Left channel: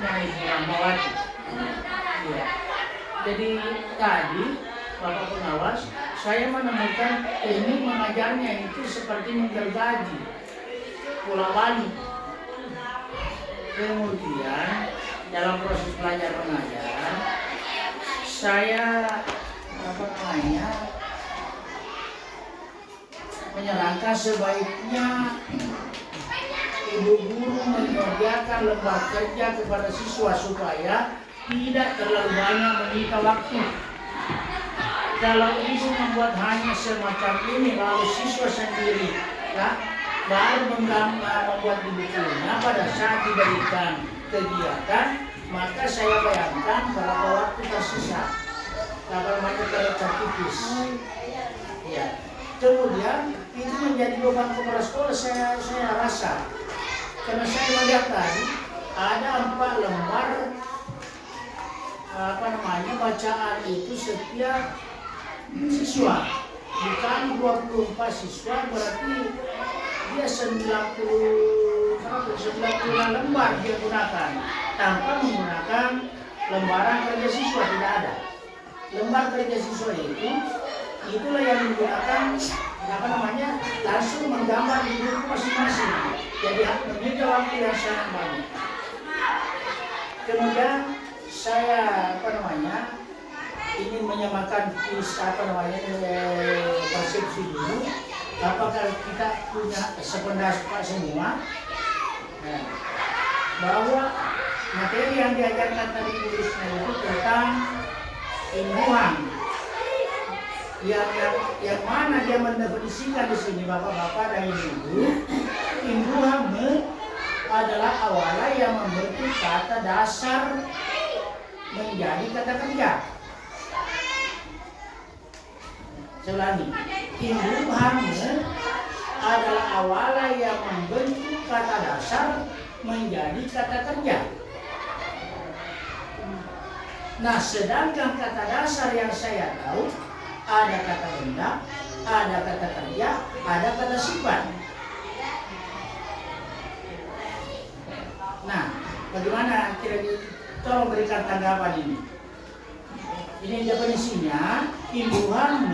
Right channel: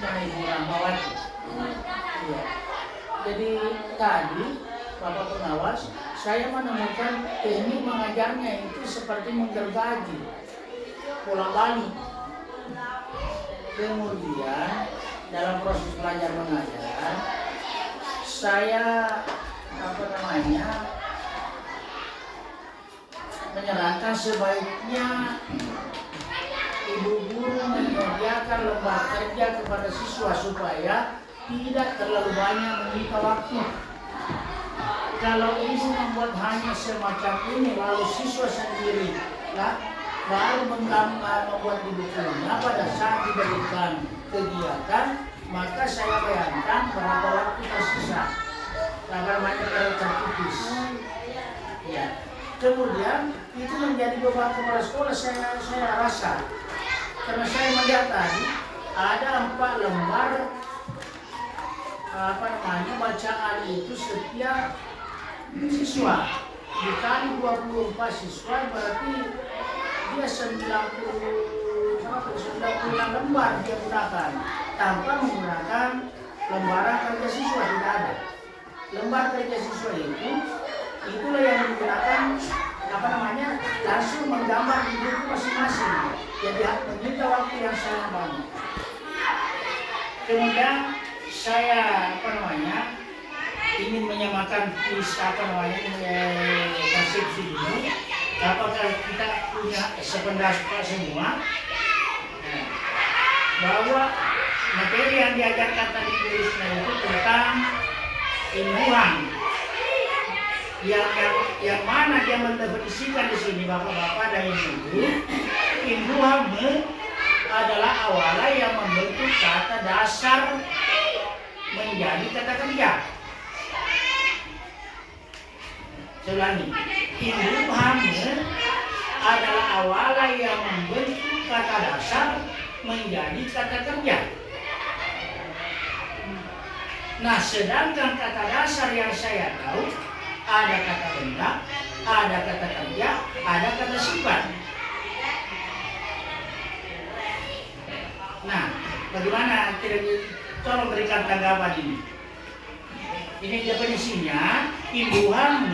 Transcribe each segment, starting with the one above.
Nah, ini Rahmawati. Ya. Jadi tadi Bapak pengawas, saya menemukan teknik mengajarnya itu seperti menggergaji, bola balik. Kemudian dalam proses belajar mengajar, saya menyarankan sebaiknya ibu guru menyediakan lembar kerja kepada siswa supaya tidak terlalu banyak menyita waktu. Kalau ibu membuat hanya semacam ini lalu siswa sendiri baru membuat di bukunya pada saat diberikan kegiatan, maka saya bayangkan berapa waktu tersisa. Namanya terkikis. Ya. Kemudian itu menjadi beban kepala sekolah saya rasa. Karena saya melihat tadi ada 4 lembar bacaan itu setiap siswa. Bukan 24 siswa, berarti dia 90 lembar dia gunakan tanpa menggunakan lembaran kerja siswa, tidak ada. Lembar kerja siswa itulah yang digunakan langsung menggambar di buku masing-masing. Jadi menyita waktu yang sangat banyak. Kemudian saya ingin menyamakan persepsi dulu. Apakah kita punya sependapat semua bahwa materi yang diajarkan tadi tulisnya itu tentang imbuhan, yang mana dia mendefinisikan di sini bapak-bapak dan ibu-ibu. Imbuhan adalah awalan yang membentuk kata dasar menjadi kata kerja. Saya ulangi, imbuhan adalah awalan yang membentuk kata dasar menjadi kata kerja. Nah, sedangkan kata dasar yang saya tahu ada kata benda, ada kata kerja, ada kata sifat. Nah, bagaimana kira-kira tolong berikan tanggapan ini? Ini definisinya, imbuhan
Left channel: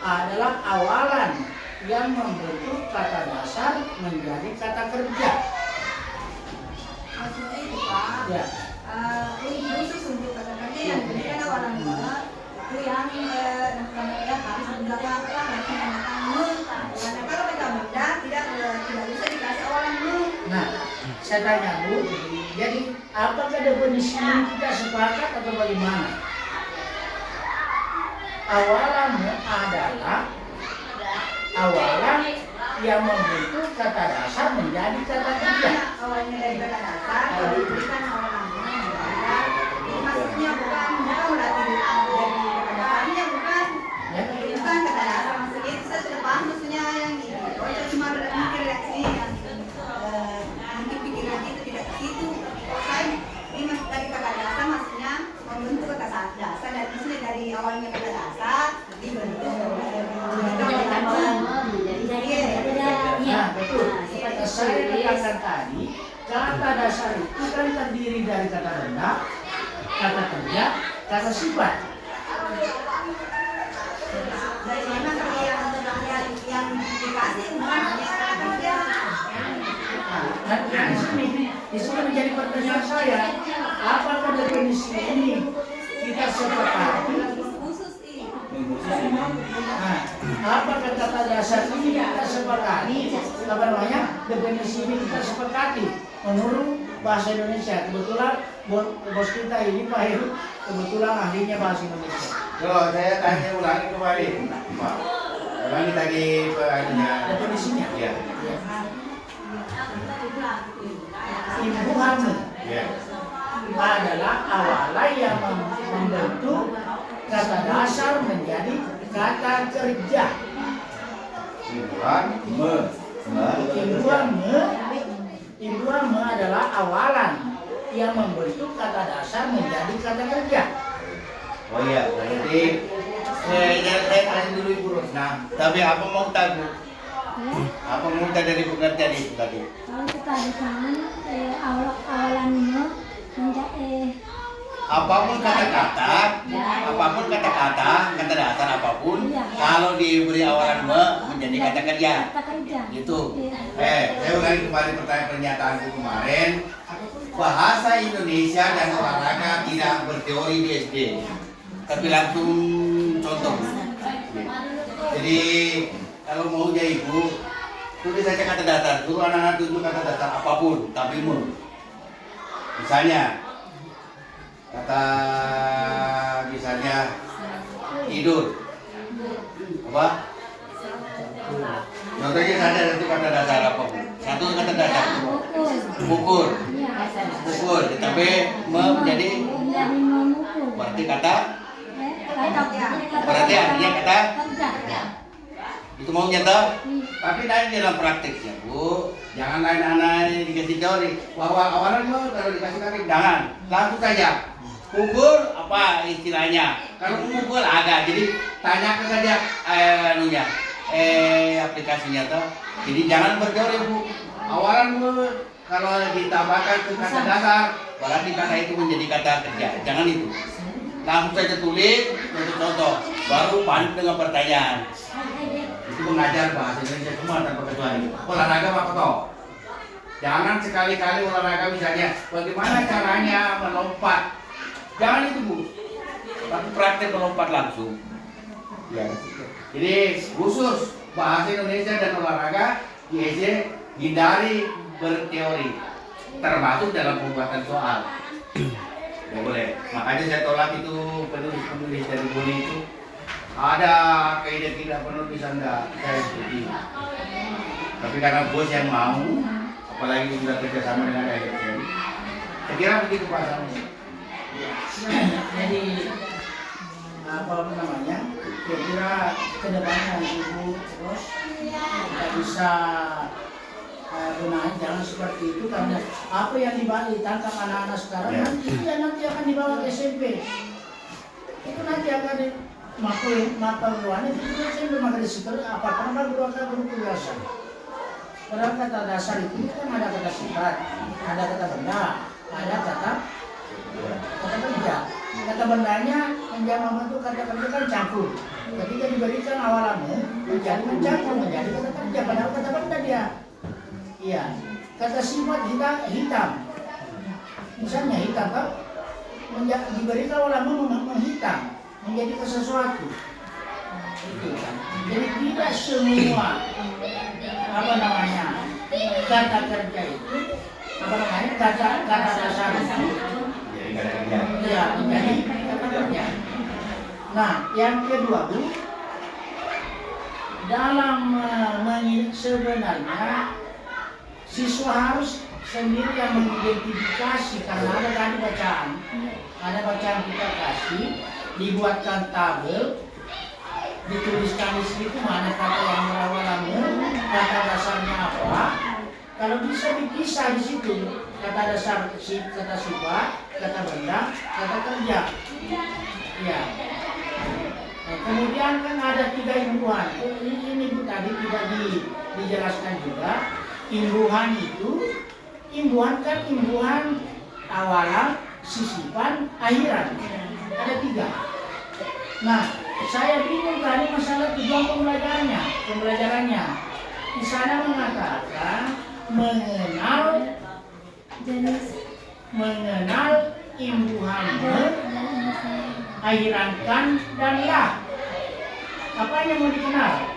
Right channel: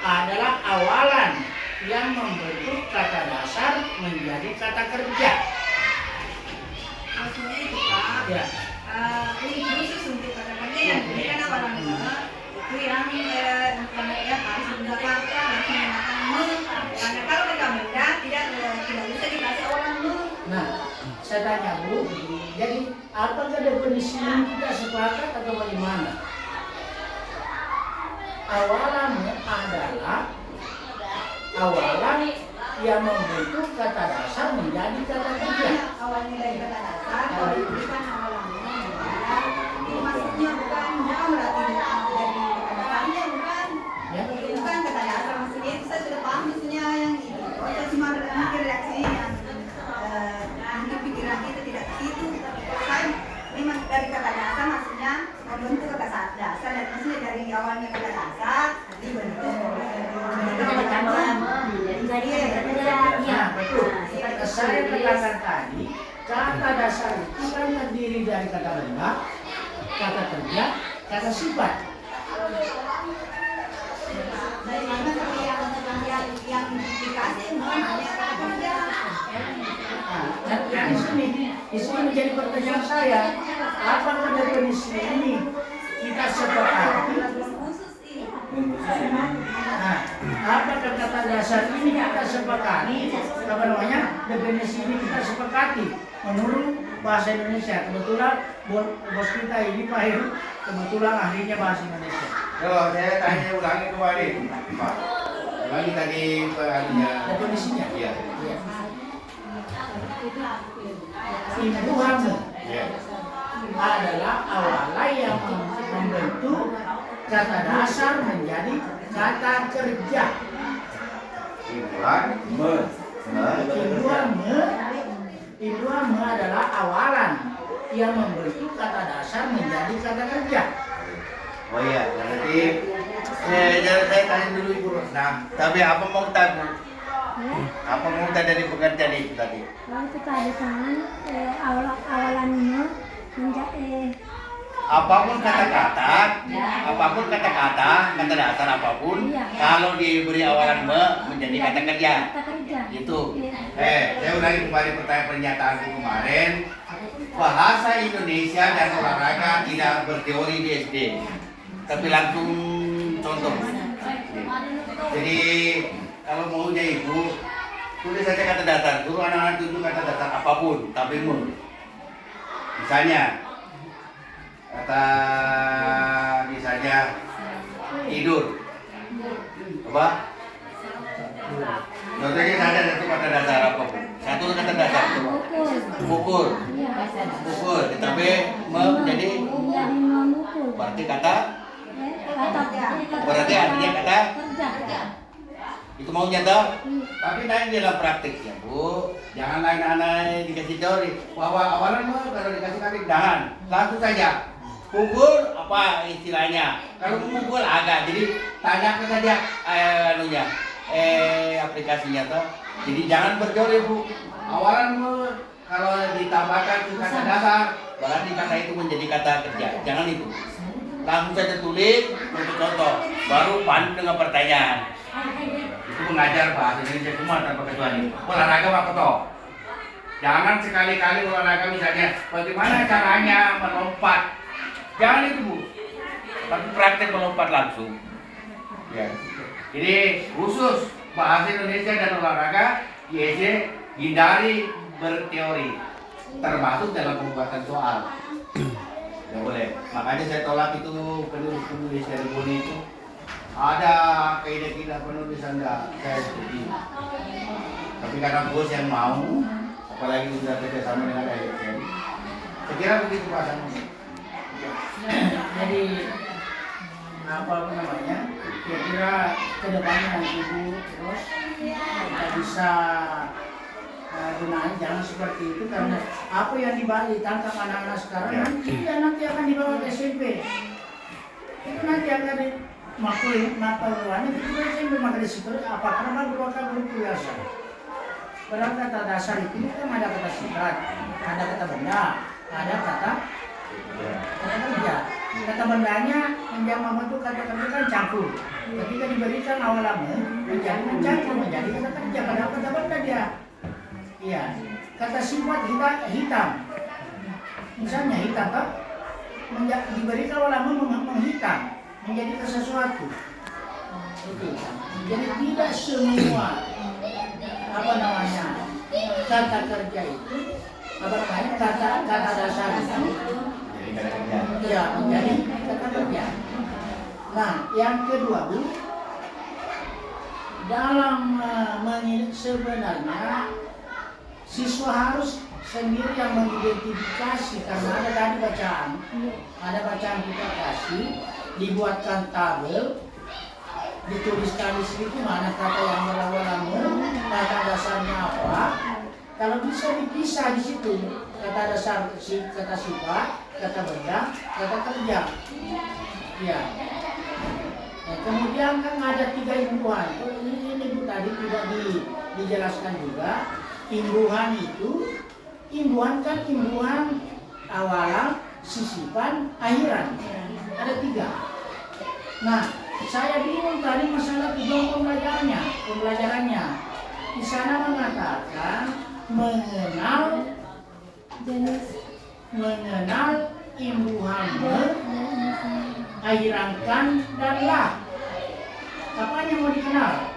adalah awalan yang membentuk kata dasar menjadi kata kerja. Maksudnya itu Pak, Ya. Ini khusus untuk kata kerja yang diberikan awalannya itu yang harus menggunakan langsung menggunakan karena kalau kata benda tidak bisa dikasih awalan Nah, saya tanya Bu, jadi apakah definisi ini kita sepakat atau bagaimana? Awalan adalah awalan yang membentuk kata dasar menjadi kata kerja. Awalnya dari kata dasar, kalau diberikan awalannya maksudnya bukan berarti dari kata dasarnya bukan kata dasar, maksudnya itu saya sudah paham maksudnya yang ini. Saya cuma berpikir reaksi nanti pikiran itu tidak ke situ. Saya memang dari kata dasar maksudnya membentuk kata dasar dan maksudnya dari awalnya kata dasar dibentuk Nah, betul. Saya katakan tadi, kata dasar itu kan terdiri dari kata benda, kata kerja, kata sifat. Dari mana yang dikasih hanya kata kerja. Nah, di sini menjadi pertanyaan saya, apakah definisi ini kita sepakati? Nah, apakah kata dasar ini kita sepakati? Definisi ini kita sepakati menurut bahasa Indonesia. Kebetulan bos kita ini Pak Heru kebetulan ahlinya bahasa Indonesia. Coba saya tanya ulangi kembali, Pak. Ulangi tadi Definisinya. Iya. Imbuhan Iya. adalah awalan yang membentuk kata dasar menjadi kata kerja. Imbuhan adalah awalan yang membentuk kata dasar menjadi kata kerja. Oh iya, berarti saya tanya dulu Ibu Rosna. Tapi apa mau tahu? Apa mau tahu dari pengertian itu tadi? Kalau kita ada kan awalannya apapun kata-kata, kata dasar apapun, kalau diberi awalan menjadi kata kerja. Gitu. Saya ulangi kembali pertanyaan pernyataanku kemarin. Bahasa Indonesia dan olahraga tidak berteori di SD, tapi langsung contoh. Jadi kalau mau jadi ibu, tulis saja kata dasar. Suruh anak-anak tunjuk kata dasar apapun, tapi misalnya misalnya tidur, apa? Contohnya saja satu kata dasar apapun. Satu kata dasar pukul, tapi menjadi berarti artinya kata itu mau nyata, tapi nanti dalam prakteknya Bu, jangan lain-lain dikasih teori bahwa awalan kalau dikasih kata jangan langsung saja pukul apa istilahnya, kalau pukul agak jadi tanyakan saja aplikasinya toh, jadi jangan berteori Bu, awalan Bu kalau ditambahkan ke kata dasar berarti kata itu menjadi kata kerja, jangan itu langsung saja tulis untuk contoh, baru pandu dengan pertanyaan. Itu mengajar bahasa Indonesia semua tanpa kecuali. Olahraga apa toh? Jangan sekali-kali olahraga misalnya bagaimana caranya melompat. Jangan itu Bu. Tapi praktek melompat langsung. Ya. Jadi khusus bahasa Indonesia dan olahraga di SD hindari berteori termasuk dalam pembuatan soal. Ya boleh. Makanya saya tolak itu penulis dari Boni itu. Ada kaidah-kaidah penulisan saya setuju. Tapi karena bos yang mau, apalagi sudah kerjasama dengan ASN, saya kira begitu Pak Samus. Jadi apa namanya? Kira-kira kedepannya Ibu terus kita bisa gunakan jangan seperti itu, karena apa yang ditantang anak-anak sekarang nanti akan dibawa ke SMP. Itu nanti akan maklumannya itu SMP maka disitu apa karena berupa guru biasa. Padahal kata dasar itu kan ada kata sifat, ada kata benda, ada kata kerja. Kata bendanya menjadi membentuk kata kerja kan campur. Ketika diberikan awalannya menjadi mencampur menjadi kata kerja, padahal kata benda dia. Iya, kata sifat hitam. Misalnya hitam kan diberikan awalannya menghitam menjadi sesuatu. Itu. Jadi tidak semua kata kerja itu kata dasar itu ya menjadi kata kerja. Nah, yang kedua Bu, dalam sebenarnya siswa harus sendiri yang mengidentifikasi, karena ada tadi bacaan kita kasih, dibuatkan tabel, dituliskan di situ mana kata yang melawan kata dasarnya apa. Kalau bisa dipisah di situ kata dasar, kata sifat, kata benda, kata kerja. Ya. Nah, kemudian kan ada 3 imbuhan. Ini Bu tadi tidak dijelaskan juga. Imbuhan itu, imbuhan awalan, sisipan, akhiran. Ada 3. Nah, saya bingung tadi masalah tujuan pembelajarannya. Di sana mengatakan mengenal imbuhan, akhirankan dan lah. Apa yang mau dikenal?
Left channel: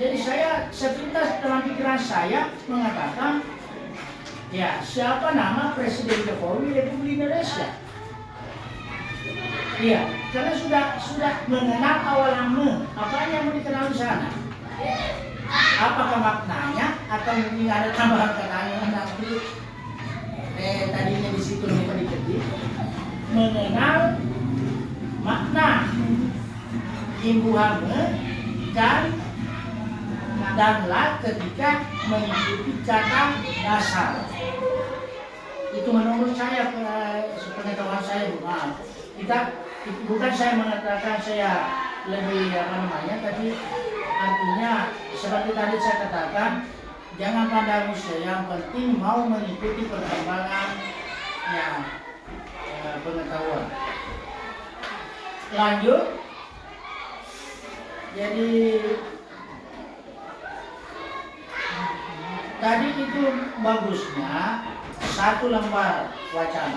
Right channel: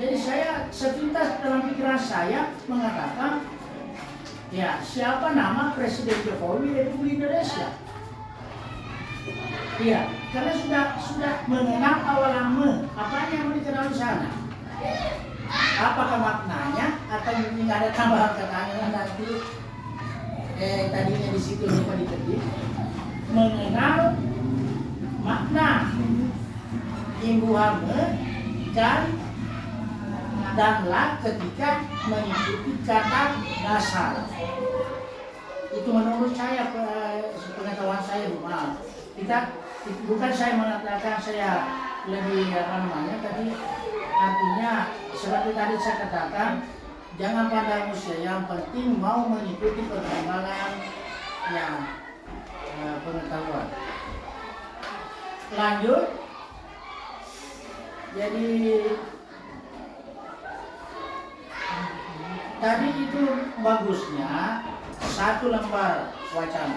Jadi saya sepintas dalam pikiran saya mengatakan, ya siapa nama Presiden Jokowi Republik Indonesia? Iya, karena sudah mengenal awalan apa yang mau dikenal di sana. Apakah maknanya atau mungkin ada tambahan katanya nanti tadinya di situ lupa diketik. Mengenal makna imbuhan kan danlah ketika mengikuti kata dasar. Itu menurut saya, pengetahuan saya, maaf. Bukan saya mengatakan saya lebih tapi artinya seperti tadi saya katakan, Jangan pandang usia, yang penting mau mengikuti perkembangan yang pengetahuan. Lanjut. Jadi tadi itu bagusnya satu lembar bacaan,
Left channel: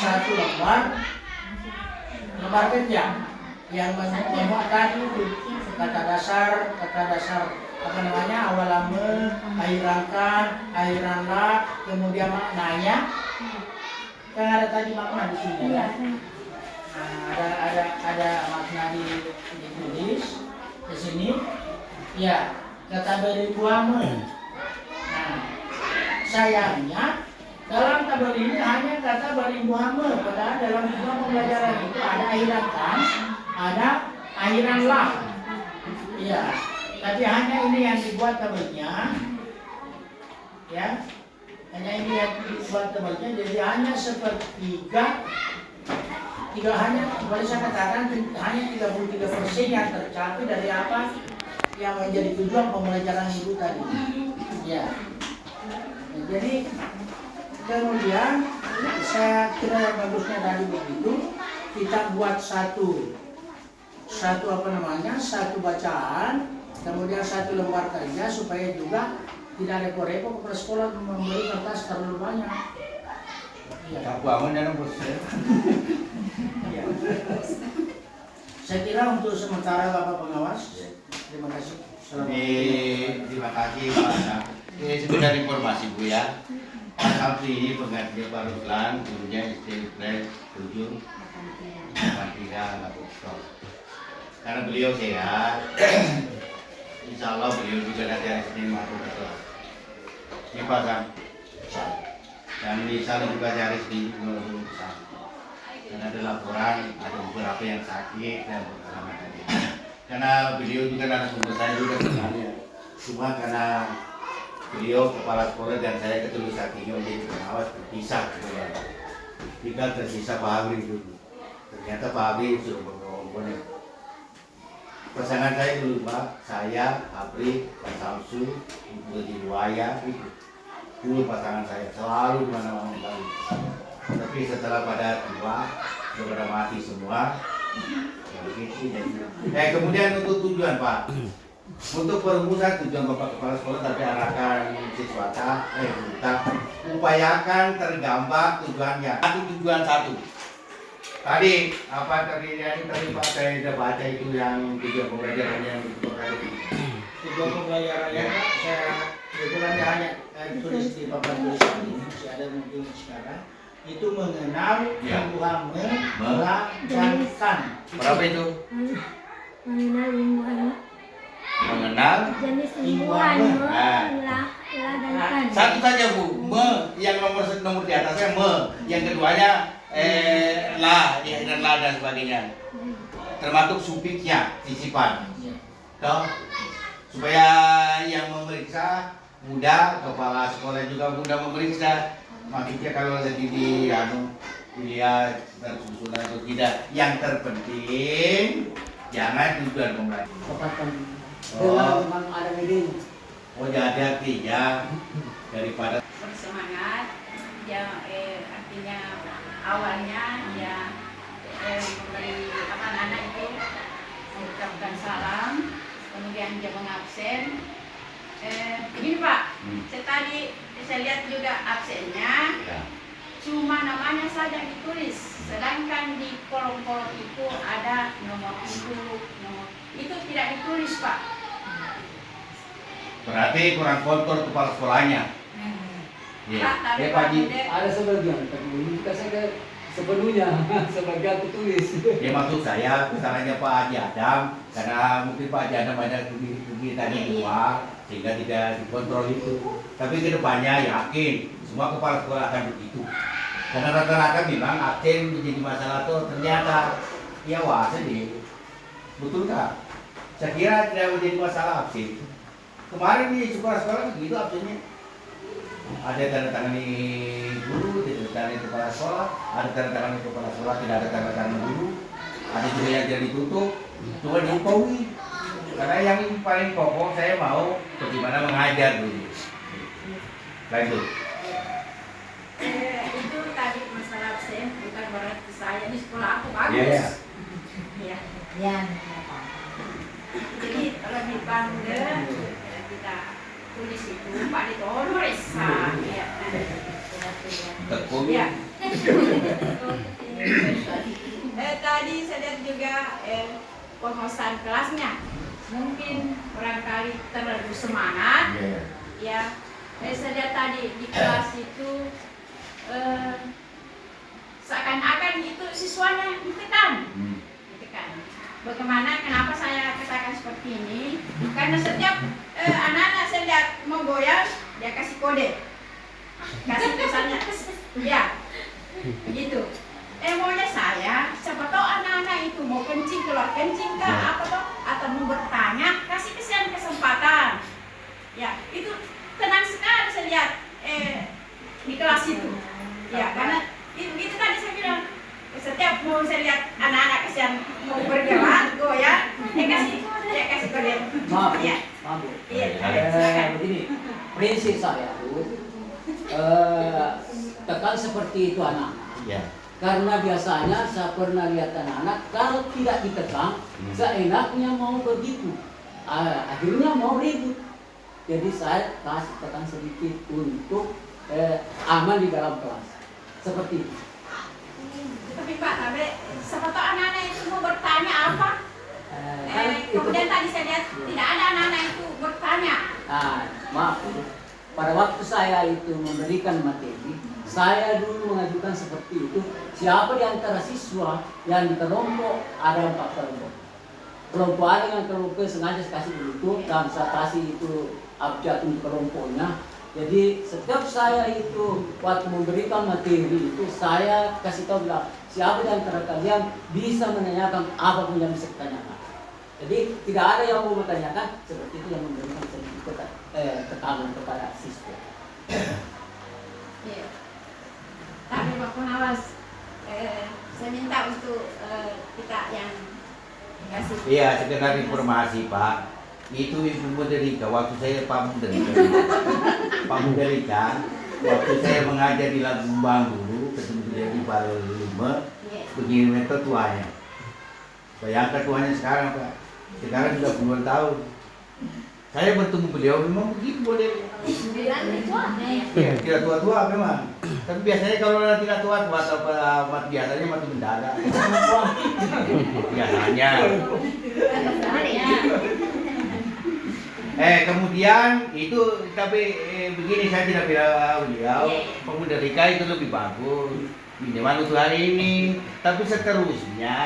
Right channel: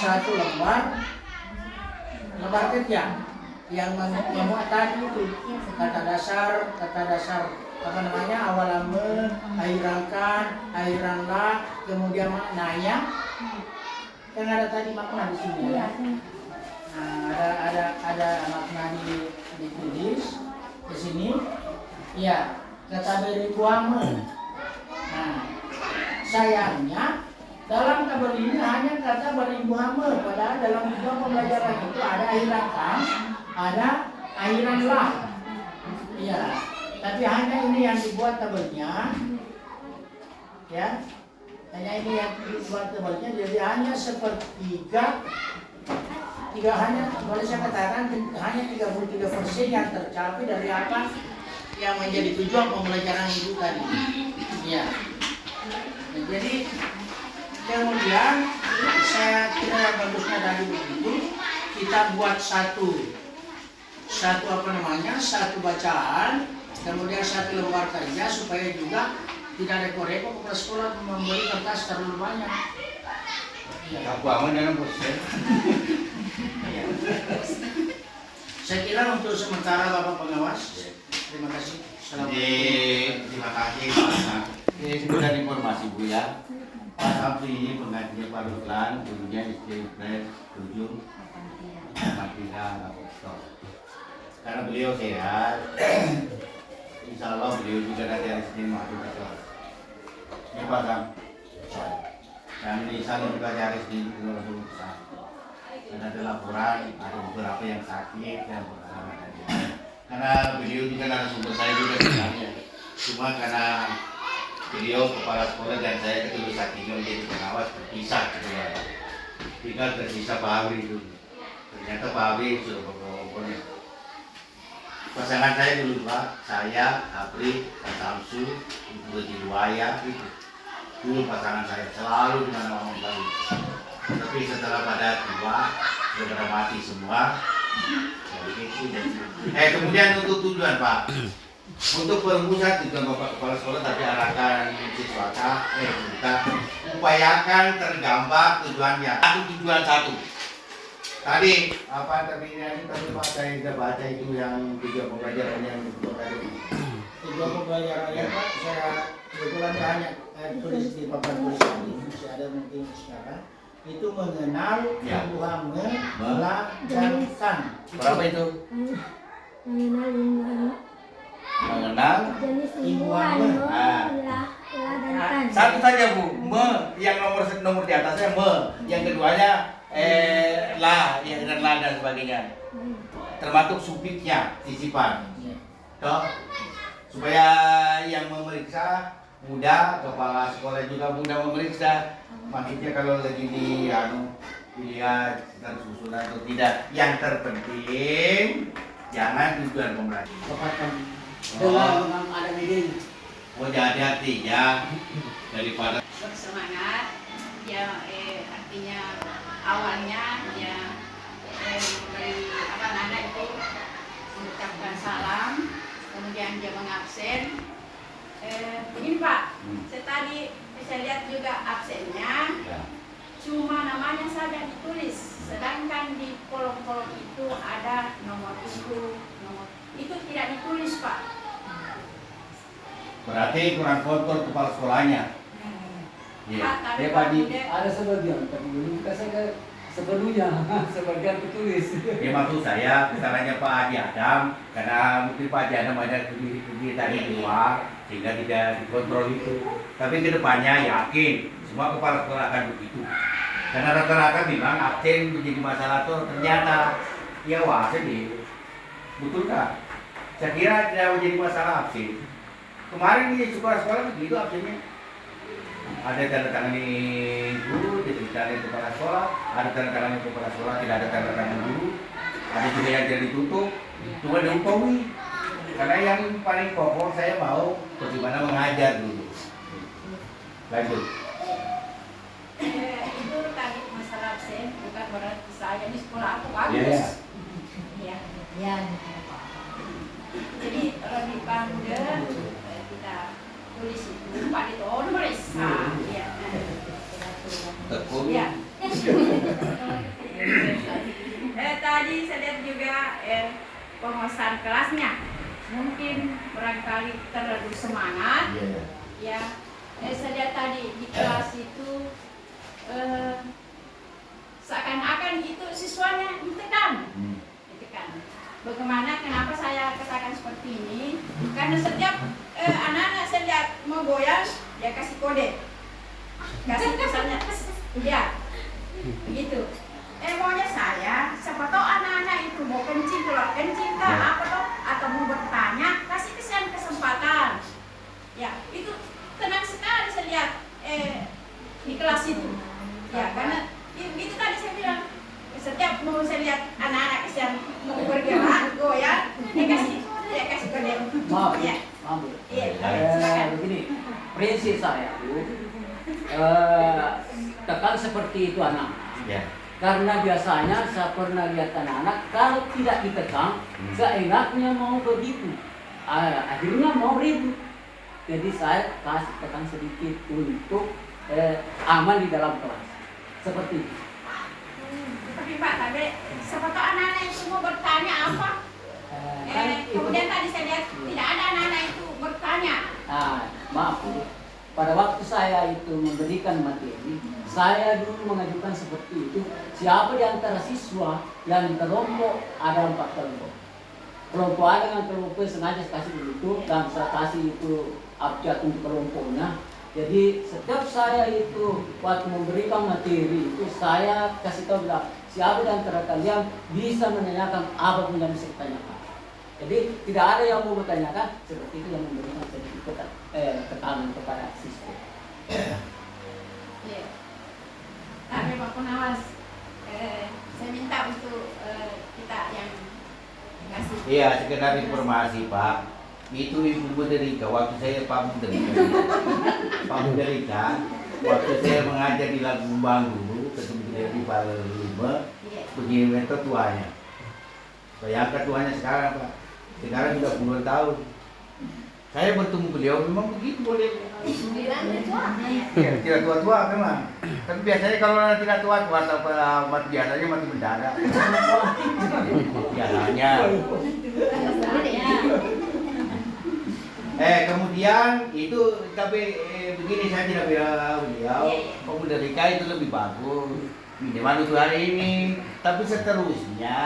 satu lembar kerja yang memuat tadi itu kata dasar apa namanya, awalan akhiran akhiranlah, kemudian maknanya kan ada tadi makna di sini ya. Nah, ada makna ditulis di sini ya, kata beri buame. Nah, sayangnya dalam tabel ini hanya kata beri buame, padahal dalam tujuan pembelajaran itu ada akhiran kan, ada akhiran lah. Iya, tapi hanya ini yang dibuat tabelnya, ya, hanya ini yang dibuat tabelnya, jadi hanya sepertiga, hanya boleh saya katakan hanya 33% yang tercapai dari apa yang menjadi tujuan pembelajaran itu tadi. Ya, nah, jadi kemudian saya kira bagusnya tadi begitu, kita buat satu bacaan, kemudian satu lembar kerja supaya juga tidak repot-repot kepala sekolah membeli kertas terlalu banyak. Ya. Aku aman dalam bos. Ya. Saya kira untuk sementara Bapak Pengawas. Terima kasih. Terima kasih Pak Sam. Sekedar informasi Bu ya. Pak Sabri ini pengganti Pak Ruslan, gurunya SD 7 karena beliau sehat, insya Allah beliau juga nanti hari Senin masuk ke kelas. Ini Pak Sam. Dan insya Allah juga hari Senin langsung bisa. Dan ada laporan, ada beberapa yang sakit dan pengalaman tadi. Karena beliau juga narasumber saya juga sebenarnya. Cuma karena beliau kepala sekolah dan saya ketulus hatinya menjadi pengawas terpisah gitu ya. Tinggal tersisa Pak Abri itu. Ternyata Pak Abri sudah pokoknya. Pasangan saya dulu Pak, saya, Abri, Pak Samsu, Ibu Jiwaya itu. Dulu pasangan saya selalu di mana-mana lagi. Tapi setelah pada tua, sudah mati semua. Ya begitu. Kemudian untuk tujuan Pak. Untuk perumusan tujuan Bapak Kepala Sekolah tadi arahkan siswa kita upayakan tergambar tujuannya. Tujuan satu. Tadi apa tadi Pak saya sudah baca itu yang tujuan pembelajaran yang tadi. Tujuan pembelajaran yang saya kebetulan hanya tulis di papan tulisan ini, masih ada mungkin sekarang. Itu mengenal tumbuhan melahirkan. Berapa itu? Mengenal jenis tumbuhan melahirkan. Satu saja Bu, yang nomor di atasnya yang keduanya la, dan la dan sebagainya. Termasuk sufiknya, sisipan. Toh, supaya yang memeriksa mudah, kepala sekolah juga mudah memeriksa. Maksudnya kalau lagi dilihat tersusun atau tidak, yang terpenting jangan tujuan pembelajaran. Ada meeting. Jadi artinya daripada bersemangat ya, artinya awalnya ya memberi anak itu mengucapkan salam, kemudian dia mengabsen. Ini Pak, saya lihat juga absennya ya. Cuma namanya saja ditulis, sedangkan di kolom-kolom itu ada nomor itu tidak ditulis Pak. Berarti kurang kontrol kepala sekolahnya. Pak, tapi Ya Pak, Pak Ji, Ada sebagian, tapi ini kita saja sepenuhnya sebagian tertulis. ya maksud saya misalnya Pak Haji Adam, karena mungkin Pak Haji Adam banyak studi tadi di luar, sehingga tidak dikontrol itu. Tapi kedepannya yakin semua kepala sekolah akan begitu. Karena rata-rata memang absen menjadi masalah tuh ternyata ya wah sedih. Betul kak? Saya kira tidak menjadi masalah absen. Kemarin di sekolah-sekolah begitu absennya. Ada tanda tangan guru, tidak ada tanda kepala sekolah, ada tanda tangan kepala sekolah, tidak ada tanda tangan guru, ada juga yang jadi ditutup, cuma diumpaui. Karena yang paling pokok saya mau bagaimana mengajar dulu. Lanjut. Itu tadi masalah absen bukan berarti saya di sekolah aku bagus. Iya. Ya. Ya. Jadi lebih pandai kita tulis itu Pak Ditoris. Ya. Tekun. Ya. Tadi saya lihat juga penguasaan kelasnya mungkin barangkali terlalu semangat. Iya. Ya. Saya lihat tadi di kelas itu seakan-akan itu siswanya ditekan. Ditekan. Bagaimana, kenapa saya katakan seperti ini? Karena setiap anak-anak saya lihat mau goyang, dia kasih kode. Kasih misalnya, ya, begitu. Maunya saya, siapa tahu anak-anak itu mau kencing, keluar kencing kah, apa toh, atau mau bertanya, kasih kesempatan. Ya, itu tenang sekali saya lihat di kelas itu. Ya, karena itu tadi saya bilang, setiap mau saya lihat anak-anak yang mau bergerak, goyang, dia kasih kode. Maaf, Ya. maaf. Iya, silakan. Begini, prinsip saya tuh tekan seperti itu anak-anak. Ya. Karena biasanya saya pernah lihat anak-anak kalau tidak ditekan, seenaknya mau begitu. Akhirnya mau ribut. Jadi saya kasih tekan sedikit untuk aman di dalam kelas. Seperti itu. Tapi Pak, siapa tahu anak-anak itu mau bertanya apa? Kemudian tadi saya lihat tidak ada anak-anak itu bertanya. Maaf, pada waktu saya itu memberikan materi, saya dulu mengajukan seperti itu. Siapa di antara siswa yang kelompok, ada 4 kelompok. Kelompok A dengan kelompok sengaja kasih begitu dan saya kasih itu abjad untuk kelompoknya. Jadi setiap saya itu waktu memberikan materi itu saya kasih tahu bilang siapa di antara kalian bisa menanyakan apapun yang bisa ditanyakan. Jadi tidak ada yang mau bertanyakan, seperti itu yang memberikan tekanan kepada siswa. Iya. Tapi Pak Pengawas, saya minta untuk kita yang kasih. Iya, sekedar informasi Pak. Itu Ibu Muderika, waktu saya Pak Muderika. Pak Muderika, waktu saya mengajar di Lagumbang dulu, ketemu dia di Balima, begini metode tuanya. Bayangkan tuanya sekarang Pak. Sekarang sudah puluhan tahun. Saya bertemu beliau memang begitu boleh. Ya, tidak tua-tua memang. Tapi biasanya kalau tidak tua-tua atau biasanya mati mendadak. Biasanya. Kemudian itu tapi begini saya tidak bilang beliau pemuda Rika itu lebih bagus minimal untuk hari ini. Tapi seterusnya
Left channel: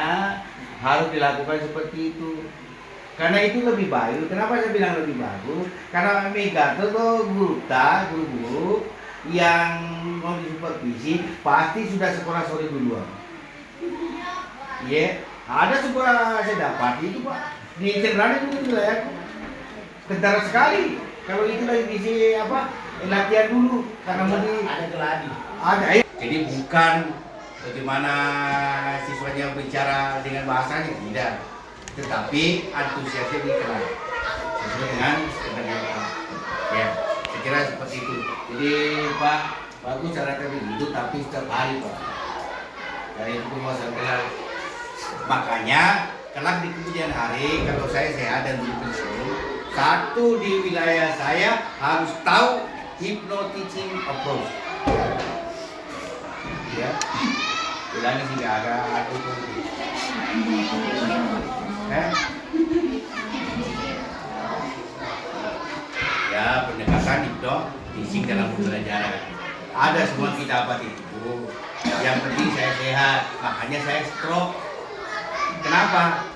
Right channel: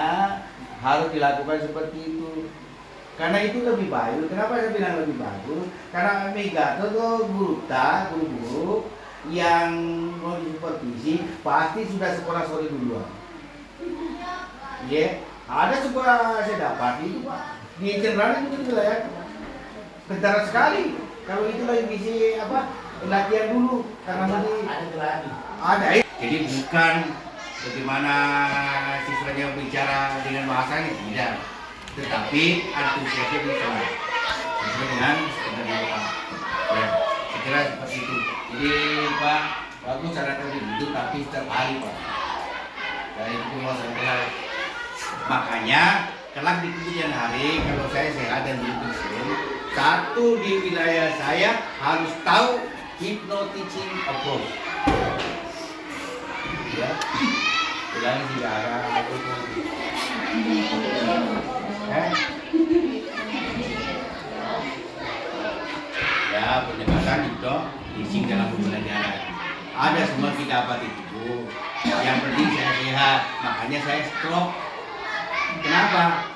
harus dilakukan seperti itu. Karena itu lebih baik. Kenapa saya bilang lebih bagus? Karena Mega itu guru-guru yang mau disupervisi pasti sudah sekolah sore duluan. Iya, ada sekolah saya dapat itu Pak di Cerrani itu ya. Kentara sekali. Kalau itu lagi bisa latihan dulu karena mau ada geladi. Ada. Jadi bukan bagaimana siswanya bicara dengan bahasanya tidak. Tetapi antusiasnya bisa sesuai dengan standar Pak. Ya, saya kira seperti itu. Jadi Pak, bagus cara tadi itu tapi setiap hari Pak. Dari itu penguasaan kelas. Makanya kelak di kemudian hari kalau saya sehat dan berpensiun, satu di wilayah saya harus tahu hypnoteaching approach. Ya, bilangnya tidak ada aku ya pendekatan itu teaching dalam pembelajaran. Ada semua kita dapat itu. Yang penting saya sehat, makanya saya stroke. Kenapa?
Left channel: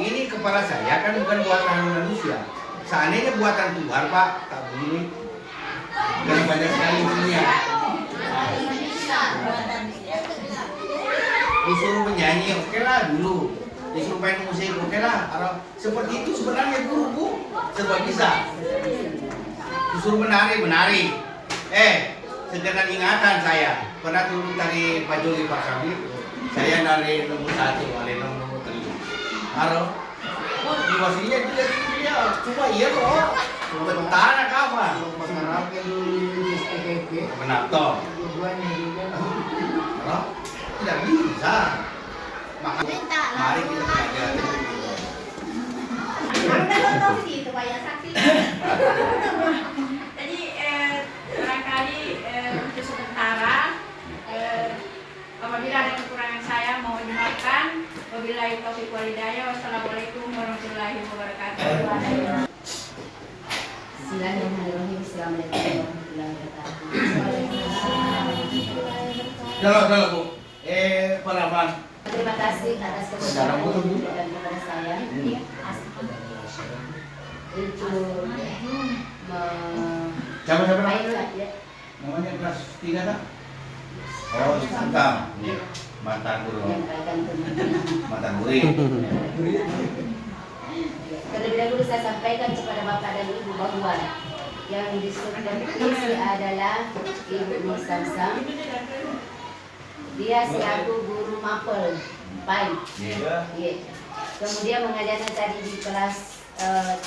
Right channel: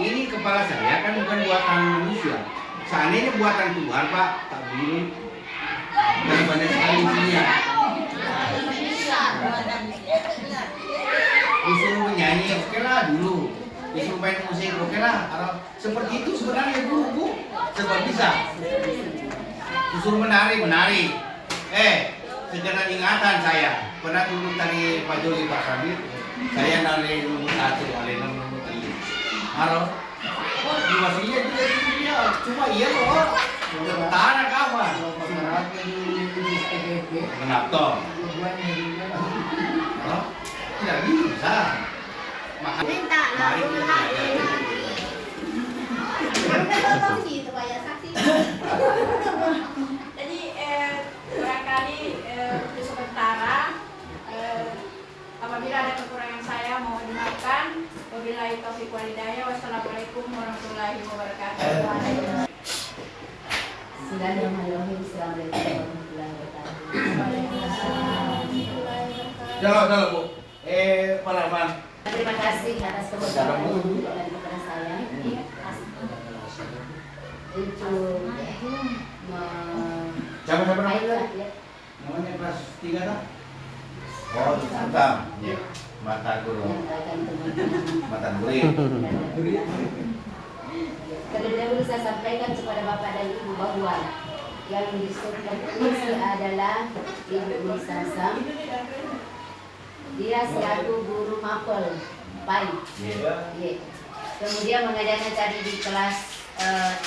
Ini kepala saya kan bukan buatan manusia. Seandainya buatan Tuhan Pak, tak boleh. Karena banyak sekali isinya. Disuruh menyanyi, oke lah dulu. Disuruh main musik, oke lah. Seperti itu sebenarnya guru sebab bisa. Disuruh menari. Sekedar ingatan saya. Pernah dulu tari Pak Joli Pak Sabit. Saya nari nomor 1, nomor 3. Halo. Di wasitnya juga cuma iya loh. Tanah kapan? Pengarapnya di SPPP. Kenapa? Tujuannya juga. Oh, tidak bisa. Minta lah. Mari kita pelajari. Udah tahu sih itu banyak saksi. Jadi barangkali untuk sementara apabila ada kekurangan saya mau dimaafkan. Wabillahi taufiq wal hidayah. Wassalamualaikum warahmatullahi wabarakatuh. Bismillahirrahmanirrahim. Assalamualaikum warahmatullahi wabarakatuh. Dalam Bu. Pak Rahman. Terima kasih atas kepercayaan dan kepada saya. Itu Siapa pilot ya. namanya kelas 3 kan? Oh, Santam. Mata guru. Menyampaikan teman-teman. Mata murid. Terlebih dahulu saya sampaikan kepada Bapak dan Ibu bahwa yang disebut adalah Ibu Nur Samsam. Dia selaku guru mapel PAI. Yeah. Kemudian mengajarnya tadi di kelas 3.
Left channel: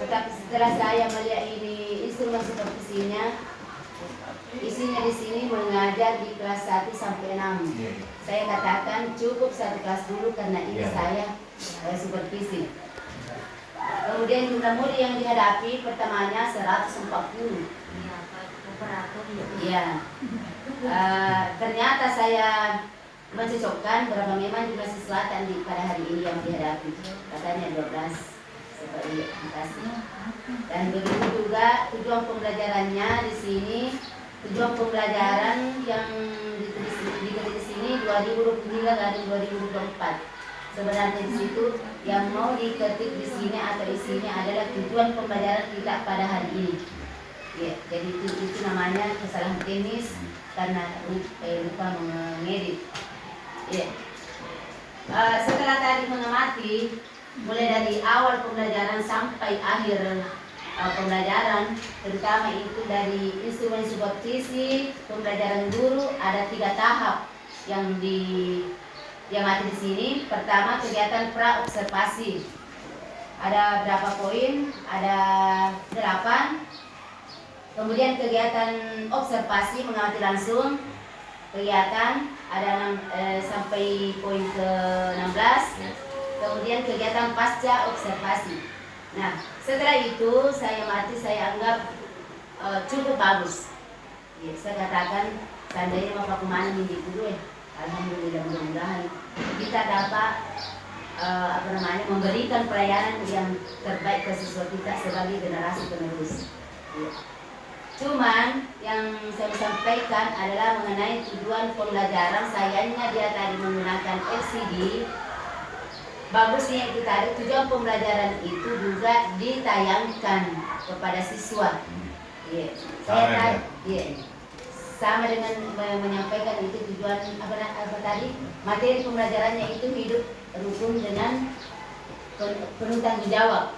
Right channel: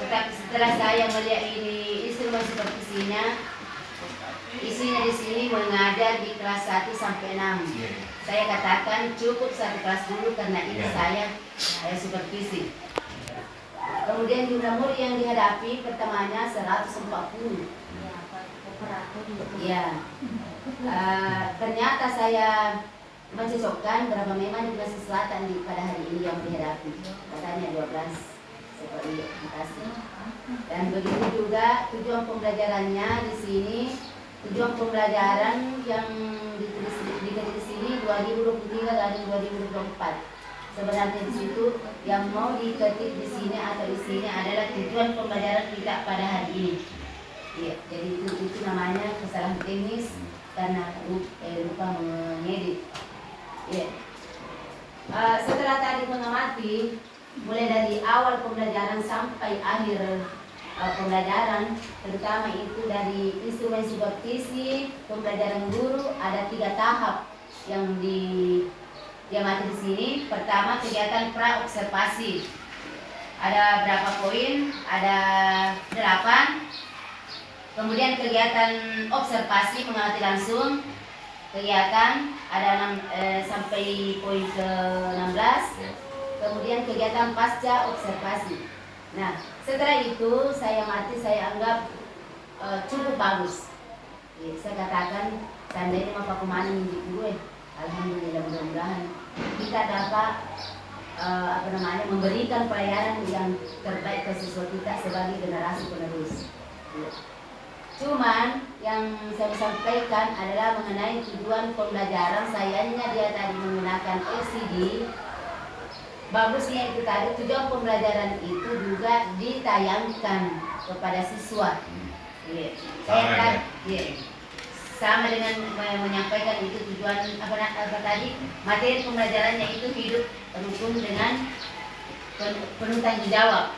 Tetapi setelah saya melihat ini instrumen seperti isinya di sini mengajar di kelas 1 sampai 6. Saya katakan cukup satu kelas dulu karena ini saya supervisi. Kemudian jumlah murid yang dihadapi pertamanya 140. Ya. Ternyata saya mencocokkan berapa memang jumlah selatan pada hari ini yang dihadapi. Katanya 12 seperti kasih. Dan begitu juga tujuan pembelajarannya di sini. Tujuan pembelajaran yang ditulis di sini 2023 dan 2024. Sebenarnya di situ yang mau diketik di sini atau di sini adalah tujuan pembelajaran kita pada hari ini. Ya, jadi itu namanya kesalahan teknis karena lupa mengedit. Ya. Setelah tadi mengamati mulai dari awal pembelajaran sampai akhir pembelajaran, terutama itu dari instrumen supervisi pembelajaran guru ada 3 tahap yang ada di sini. Pertama, kegiatan pra observasi. Ada berapa poin? Ada 8. Kemudian kegiatan observasi mengamati langsung. Kegiatan ada 6 sampai poin ke-16. Kemudian kegiatan pasca observasi. Nah, setelah itu saya anggap cukup bagus. Ya, saya katakan seandainya Bapak Kumani minggu dulu, alhamdulillah mudah-mudahan kita dapat memberikan pelayanan yang terbaik ke siswa kita sebagai generasi penerus. Ya. Cuman yang saya sampaikan adalah mengenai tujuan pembelajaran. Sayangnya dia tadi menggunakan LCD. Bagusnya itu tadi tujuan pembelajaran itu juga ditayangkan kepada siswa. Yeah. Sama dengan menyampaikan itu tujuan apa tadi materi pembelajarannya itu hidup rukun dengan penuh tanggung jawab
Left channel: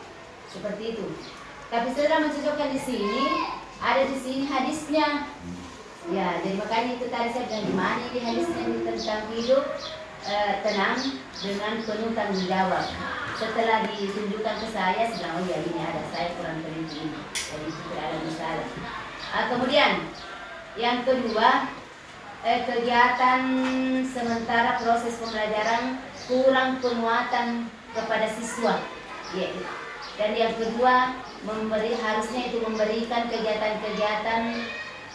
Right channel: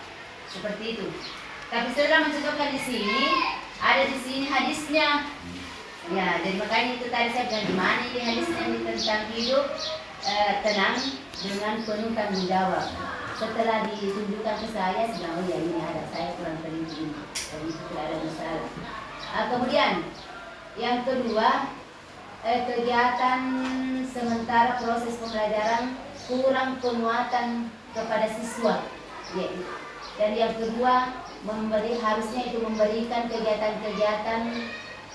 seperti itu. Tapi setelah mencocokkan di sini ada di sini hadisnya. Ya, jadi makanya itu tadi saya bilang gimana ini hadisnya ini tentang hidup tenang dengan penuh tanggung jawab. Setelah ditunjukkan ke saya bilang, oh ya ini ada, saya kurang teliti ini, jadi itu tidak ada masalah. Kemudian yang kedua, kegiatan sementara proses pembelajaran kurang penguatan kepada siswa. Ya, dan yang kedua, harusnya itu memberikan kegiatan-kegiatan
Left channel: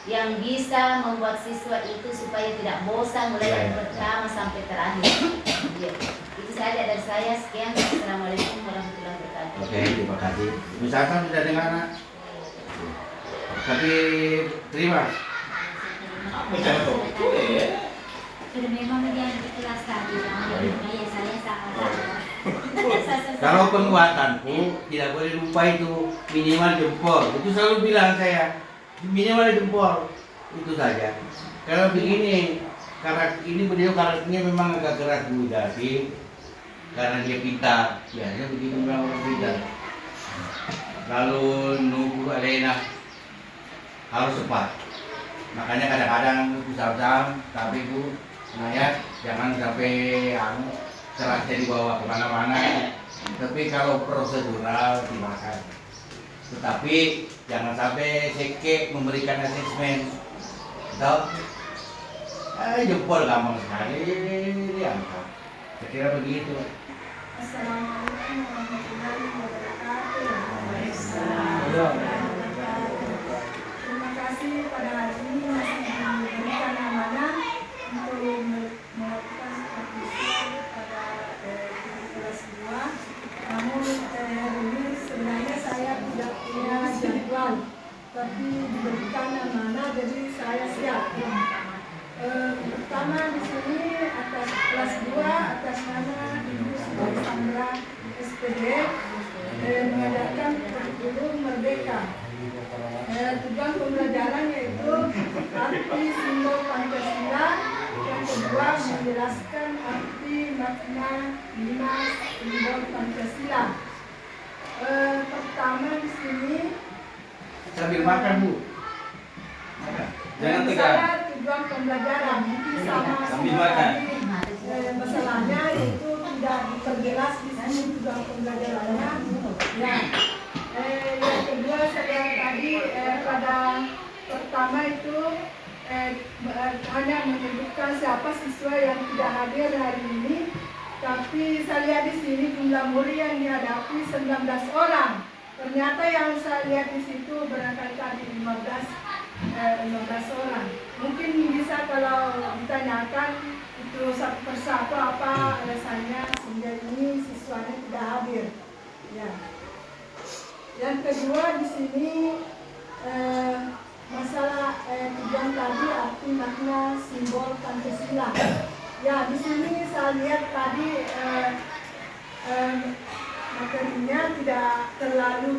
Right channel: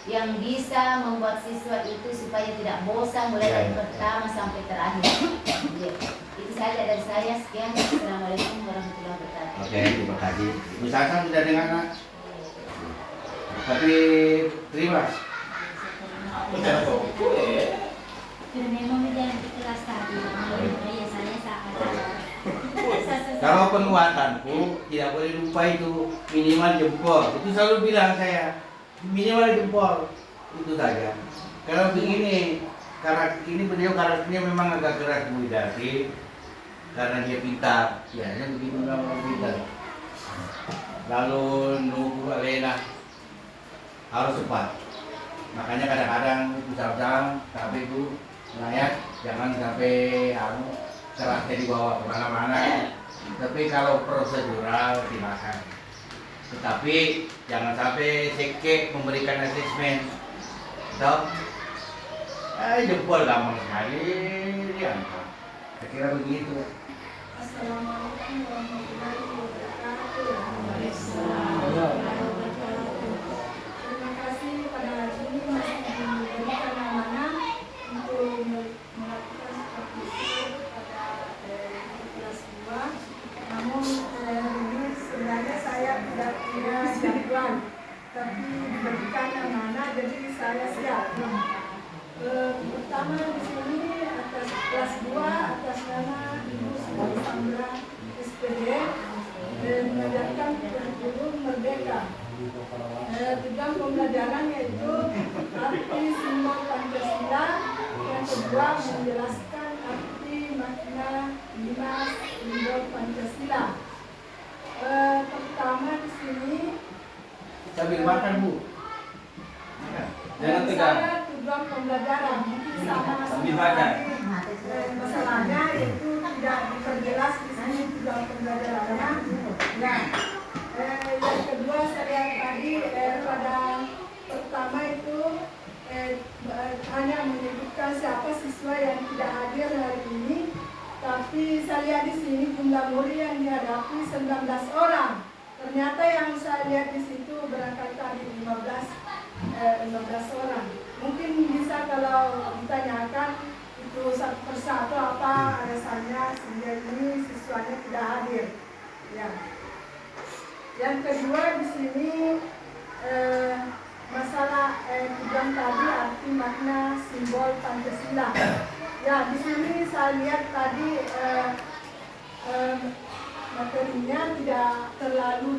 yang bisa membuat siswa itu supaya tidak bosan mulai dari pertama sampai terakhir. Ya. Itu saja dari saya. Sekian. Assalamualaikum warahmatullahi wabarakatuh. Oke, terima kasih. Ibu Sasa sudah dengar nak? Tapi terima. Memang dia di kelas tadi, ya saya salah. Kalau penguatanku tidak boleh lupa itu minimal jempol. Itu selalu bilang saya minimal jempol itu saja. Kalau begini, ini beliau karakternya memang agak keras Bu Dasi, karena dia pintar. Biasanya begini memang orang pintar. Lalu nunggu Alena harus cepat. Makanya kadang-kadang usah-usah tapi Bu Nayat jangan sampai kerasnya dibawa kemana-mana. Tapi kalau prosedural dimakan. Tetapi jangan sampai seke memberikan asesmen. Tahu? Jempol gampang sekali diangkat. Saya kira begitu. Assalamualaikum warahmatullahi wabarakatuh. Terima kasih pada hari ini masih diberikan amanah untuk melakukan supervisi pada kelas 2. Namun hari ini sebenarnya saya tidak punya jadwal, tapi diberikan amanah jadi saya siap. Pertama di sini atas kelas 2 atas nama Ibu Sandra SPD mengajarkan kurikulum merdeka. Tujuan pembelajaran yaitu arti simbol Pancasila. Yang kedua menjelaskan arti makna 5 simbol Pancasila. Pertama di sini Sambil makan, Bu. Ada. Jangan tegang. saya tujuan pembelajaran sama Sambil makan. masalahnya itu tidak diperjelas di sini tujuan pembelajarannya. Ya. Yang kedua saya tadi pada pertama itu hanya menyebutkan siapa siswa yang tidak hadir hari ini, tapi saya lihat di sini jumlah murid yang dihadapi 19 orang. Ternyata yang saya lihat di situ berangkat tadi 15 orang. Mungkin bisa kalau ditanyakan itu satu persatu apa alasannya sehingga ini siswanya tidak hadir. Ya. Yang kedua di sini masalah tujuan tadi arti makna simbol Pancasila. Ya, di sini saya lihat tadi materinya tidak terlalu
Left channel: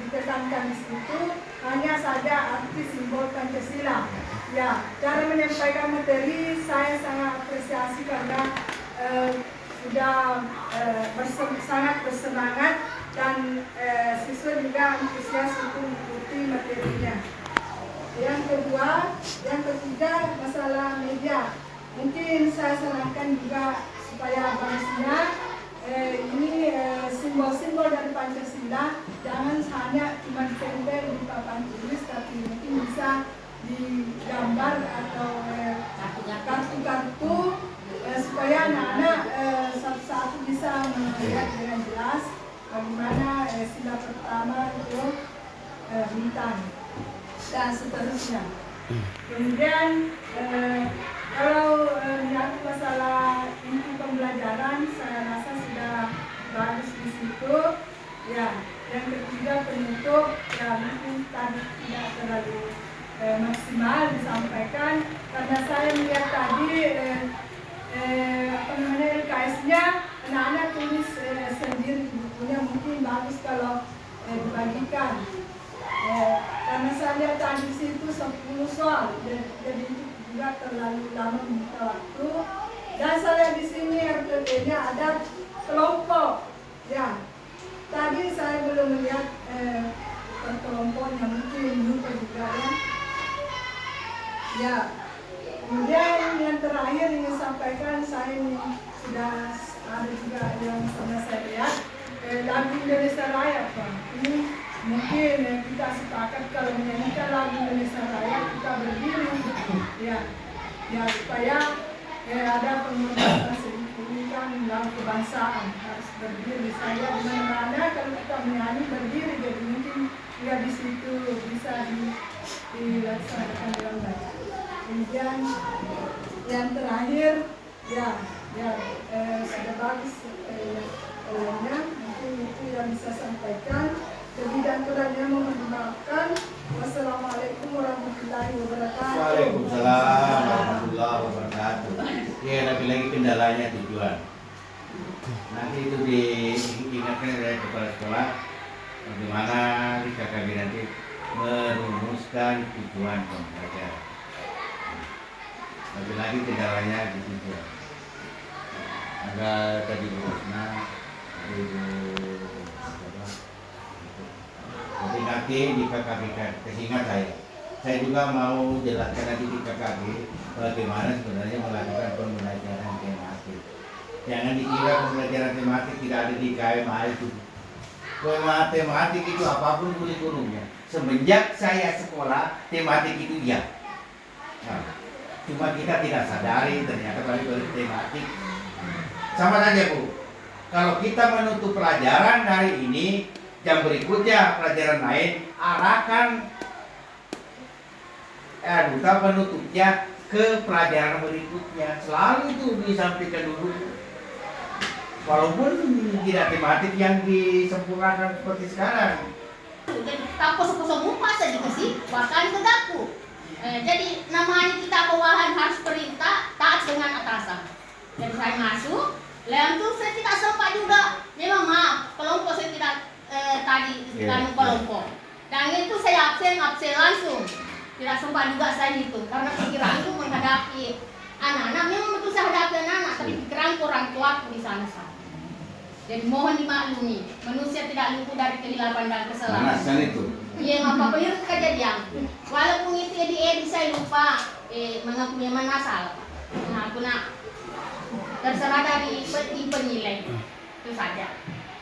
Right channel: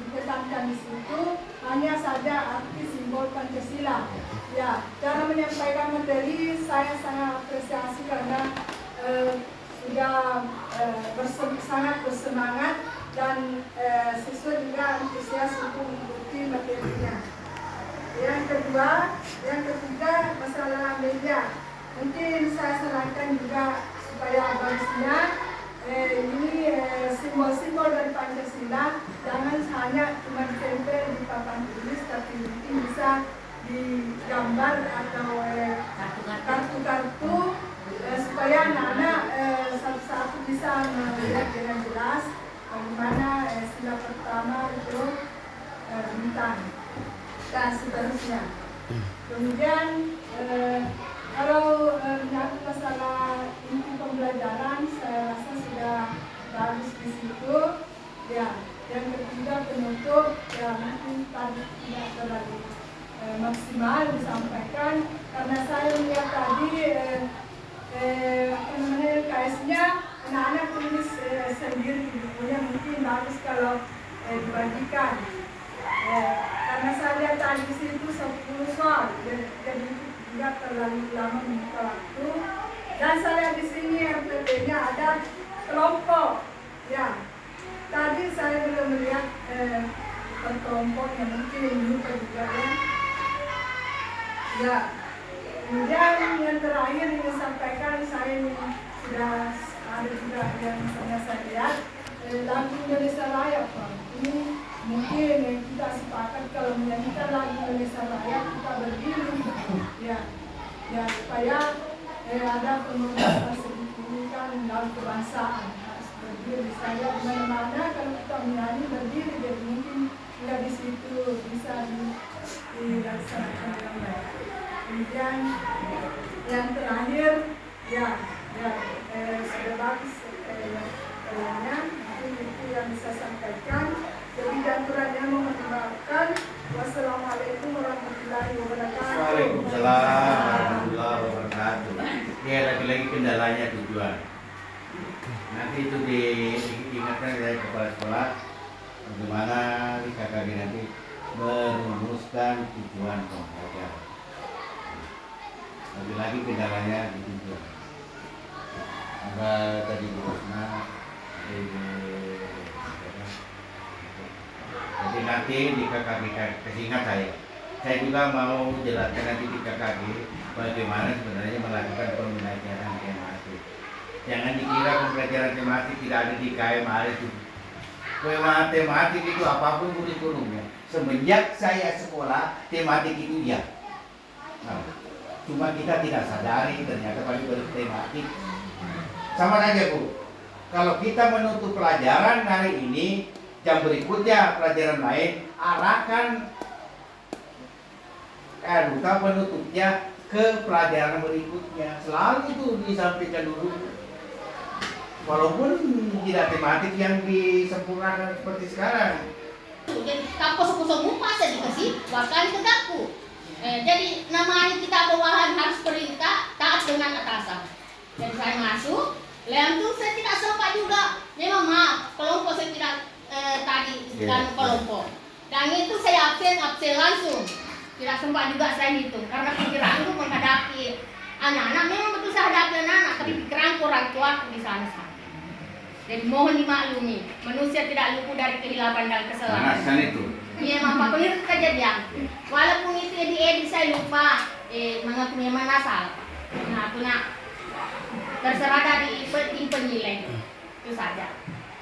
ditekankan di situ, hanya saja arti simbol Pancasila. Ya, cara menyampaikan materi saya sangat apresiasi karena sudah sangat bersemangat dan siswa juga antusias untuk mengikuti materinya. Yang ketiga masalah media. Mungkin saya sarankan juga supaya bagusnya ini simbol-simbol dari Pancasila jangan hanya cuma ditempel di papan tulis, tapi mungkin bisa digambar atau kartu-kartu supaya anak-anak satu-satu bisa melihat dengan jelas bagaimana sila pertama itu bintang dan seterusnya. Kemudian kalau menyangkut masalah inti pembelajaran, saya rasa sudah bagus di situ. Ya, yang ketiga penutup, ya mungkin tadi tidak terlalu maksimal disampaikan karena saya melihat tadi LKS-nya anak-anak tulis sendiri di bukunya, mungkin bagus kalau dibagikan. Karena saya lihat tadi di situ 10 soal, jadi tidak terlalu lama membuka waktu. Dan saya lihat di sini RPP-nya ada kelompok. Ya, tadi saya belum melihat per kelompoknya, mungkin lupa juga ya. Ya, kemudian yang terakhir ingin sampaikan, saya ini sudah ada juga yang pernah saya lihat lagu Indonesia Raya, Pak. Ini mungkin kita sepakat kalau menyanyikan lagu Indonesia Raya kita berdiri, ya supaya ada penghormatan sedikit lagu kebangsaan harus berdiri. Saya di mana-mana kalau kita menyanyi berdiri, jadi mungkin ya di situ bisa dilaksanakan dengan baik. Kemudian yang terakhir, sudah bagus kayaknya, mungkin itu yang bisa sampaikan. Jadi dan kurangnya mohon dimaafkan. Wassalamualaikum warahmatullahi wabarakatuh. Waalaikumsalam warahmatullahi wabarakatuh. Ya, lagi-lagi kendalanya tujuan. Nanti itu diingatkan dari kepala sekolah bagaimana di KKB nanti merumuskan tujuan pembelajaran. Lagi-lagi kendalanya di tujuan. Agak tadi Bu Rosna, jadi nanti di KKB kesingkat saya juga mau jelaskan nanti di KKB bagaimana sebenarnya melakukan pembelajaran tematik. Jangan dikira pembelajaran tematik tidak ada di KMA itu. Tematik itu apapun kurikulumnya. Semenjak saya sekolah, tematik itu iya. Nah, cuma kita tidak sadari ternyata pada tematik. Sama saja Bu, kalau kita menutup pelajaran hari ini, jam berikutnya pelajaran lain, arahkan duta penutupnya ke pelajaran berikutnya. Selalu itu disampaikan dulu. Walaupun tidak tematik yang disempurnakan seperti sekarang. Jadi kampus-kampus muka saja dikasih bahkan tegakku. Jadi namanya kita bawahan harus perintah taat dengan atasan. Dan saya masuk, lalu itu saya tidak sempat juga. Memang maaf, kelompok saya tidak tadi kan kelompok. Dan itu saya absen langsung. Tidak sempat juga saya hitung karena pikiran itu menghadapi anak-anak. Memang betul saya hadapi anak-anak, tapi pikiran orang tua di sana. Jadi mohon dimaklumi, manusia tidak luput dari kehilapan dan kesalahan. Itu. Iya, apapun itu kejadian. Walaupun itu di edit saya lupa, mengakui mana salah. Nah, terserah dari penilai. Itu saja.